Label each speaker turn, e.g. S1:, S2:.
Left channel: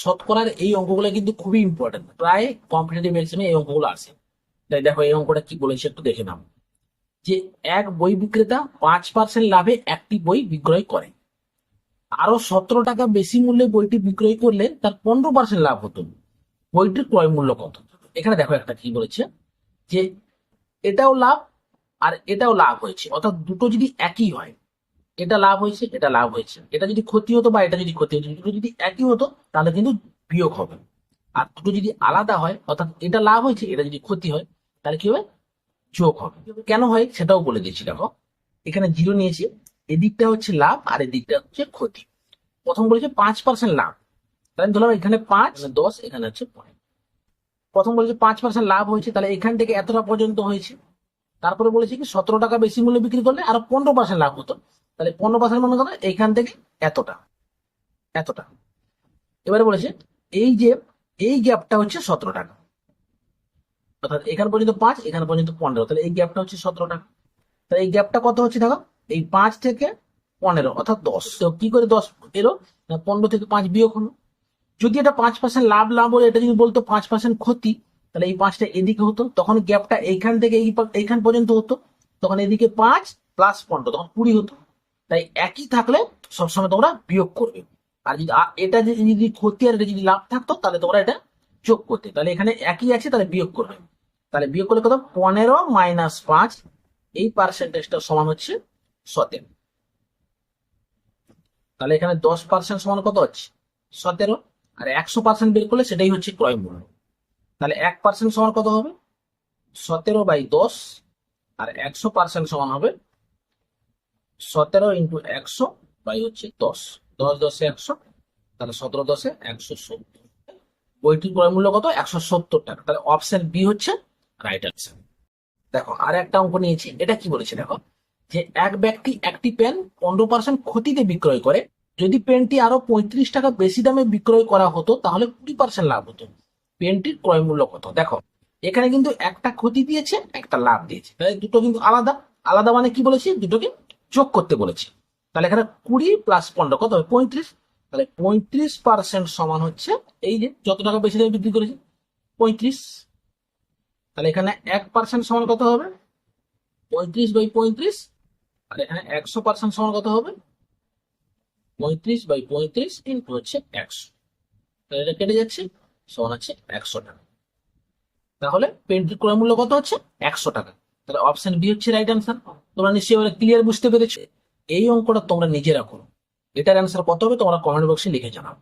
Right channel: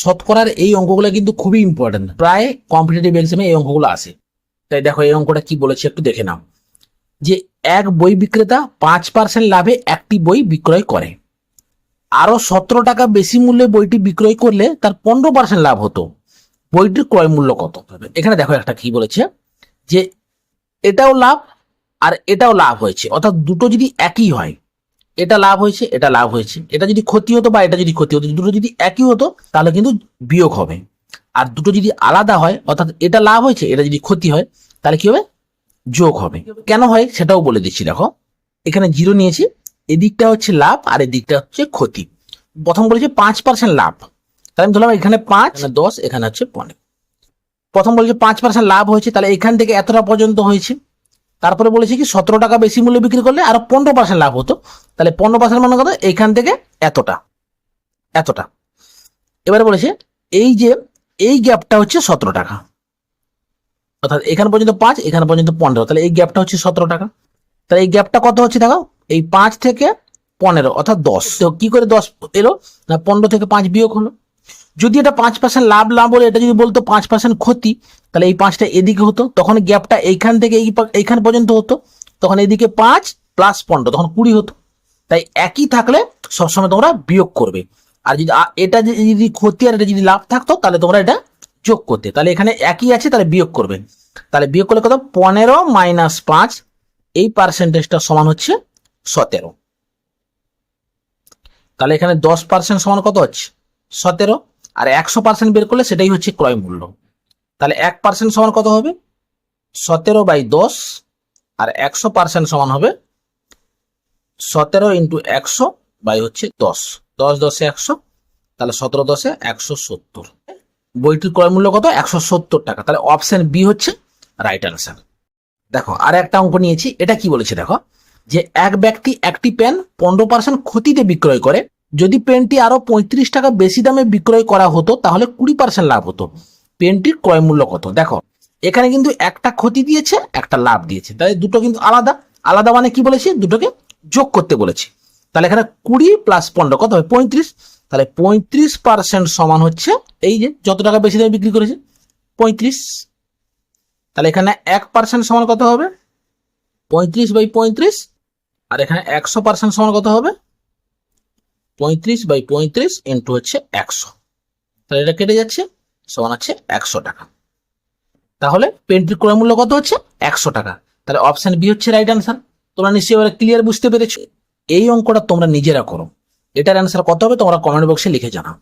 S1: শতকরার এই অঙ্কগুলো কিন্তু খুবই ইম্পর্টেন্ট প্রায় কম্পিটিটিভ এক্সামে এই অঙ্কগুলো আসে। তাই দেখো এই অঙ্কটা কি বলেছে একটু দেখে নাও। যে এক বই বিক্রেতা পাঁচ পার্সেন্ট লাভে একটি বই বিক্রয় করে। আরও সতেরো টাকা বেশি মূল্যে বইটি বিক্রয় করলে তার পনেরো পার্সেন্ট লাভ হতো। বইটির ক্রয় মূল্য কত? এখানে দেখো একটা কি বলেছে, যে এটাও লাভ আর এটাও লাভ হয়েছে। অর্থাৎ দুটো যদি একই হয় এটা লাভ হয়েছে, এটা লাভ হয়েছে। এটা যদি ক্ষতি হতো বা এটা যদি ক্ষতি হতো, দুটো যদি একই হতো, তাহলে কিন্তু বিয়োগ হবে। আর দুটো যদি আলাদা হয়, অর্থাৎ এটা লাভ হয়েছে, এটা যদি ক্ষতি হয়, তাহলে কি হবে? যোগ হবে। কেন হয়? সেটাও বলে দিচ্ছি, দেখো। এখানে জিরো নিয়েছি। এদিকটা হচ্ছে লাভ আর এদিকটা হচ্ছে ক্ষতি। প্রথম বলেছে পাঁচ পার্সেন্ট লাভ। তাহলে আমি ধরলাম এখানে পাঁচ দশ, এখানে হচ্ছে পনেরো। প্রথম বলেছে পাঁচ পার্সেন্ট লাভ হয়েছে, তাহলে এখান থেকে এতটা পর্যন্ত হয়েছে। তারপরে বলেছে কি, সতেরো টাকা বেশি মূল্যে বিক্রি করলে আরও পনেরো পার্সেন্ট লাভ হতো। তাহলে পনেরো পার্সেন্ট মানে কত? এইখান থেকে এতটা। এতটা। এবারে বলেছে, এই যে, এই গ্যাপটা হচ্ছে সতেরো টাকা। অর্থাৎ এখান পর্যন্ত পাঁচ, এখান পর্যন্ত পনেরো। তাহলে এই গ্যাপটা হচ্ছে সতেরো টাকা। তাহলে এই গ্যাপটা কত হচ্ছে দেখো? এই পাঁচ থেকে পনেরো, অর্থাৎ দশ। তো কি করে দশ এলো? না, পনেরো থেকে পাঁচ বিয়োগ হলো। যদি এটা পাঁচ পার্সেন্ট লাভ লাভ বলে এটা যদি বলতো পাঁচ পার্সেন্ট ক্ষতি, তাহলে এই পাঁচটা এদিকে হতো, তখন গ্যাপটা এইখান থেকে এই এইখান পর্যন্ত হতো, তখন এদিকে পাঁচ প্লাস পনেরো, তখন কুড়ি হতো। তাই একই থাকলে সবসময় তোমরা বিয়োগ করবে। আর যদি এটা যদি ক্ষতি আর এটা যদি লাভ থাকতো, তাহলে তোমরা এটা যোগ করতে। তাহলে এখানে একই আছে, তাহলে বিয়োগ করবে। তাহলে বিয়োগ করলে কত? পনেরো মাইনাস পাঁচ, এই পার্সেন্টেজটা সমান হচ্ছে সতেরো। তাহলে এখানে দশ পার্সেন্ট সমান কত হচ্ছে? সতেরো। আর একশো পার্সেন্ট বের করলে সেটাই হচ্ছে ক্রয় মূল্য। তাহলে এক পার্সেন্ট সমান কত হবে? সতেরো বাই দশ, আর একশো পার্সেন্ট সমান হবে সতেরো ইন্টু একশো বাই হচ্ছে দশ। দশ দশে একশো, তাহলে সতেরো দশে একশো সত্তর। বইটির ক্রয় মূল্য কত? একশো সত্তর টাকা। তাহলে অপশন বি হচ্ছে রাইট অ্যান্সার দেখো, আর একটা অঙ্ক নিয়েছি। এটা কি বলেছে দেখো? যে এক ব্যক্তি একটি পেন পনেরো পার্সেন্ট ক্ষতিতে বিক্রয় করে যদি পেনটি আরও পঁয়ত্রিশ টাকা বেশি দামে বিক্রয় করা হতো, তাহলে কুড়ি পার্সেন্ট লাভ হতো। পেনটির ক্রয় মূল্য কত? দেখো, এখানে কিন্তু একটা ক্ষতি দিয়েছে, একটা লাভ দিয়েছে। তাই দুটো কিন্তু আলাদা। আলাদা মানে কি বলেছি? দুটোকে যোগ করতে বলেছি। তাহলে এখানে কুড়ি প্লাস পনেরো, কত হবে? পঁয়ত্রিশ। তাহলে পঁয়ত্রিশ পার্সেন্ট সমান হচ্ছে, এই যে, যত টাকা বেশি দামে বিক্রি করেছে, পঁয়ত্রিশ। তাহলে এখানে এক পার্সেন্ট সমান কত হবে? পঁয়ত্রিশ বাই পঁয়ত্রিশ। আর এখানে একশো পার্সেন্ট সমান কত হবে? পঁয়ত্রিশ বাই পঁয়ত্রিশ ইন্টু হচ্ছে একশো। তাহলে এটা কেটে যাচ্ছে, সমান হচ্ছে একশো টাকা। তাহলে পেন্টির ক্রয় মূল্য কত হচ্ছে? একশো টাকা। তাহলে অপশান বি হচ্ছে রাইট অ্যান্সার তোমরা নিশ্চয়ই এবার ক্লিয়ার বুঝতে পেরেছ। এই অঙ্কটা তোমরা নিজেরা করো। এটার অ্যান্সার কত হবে তোমরা কমেন্ট বক্সে লিখে জানাও।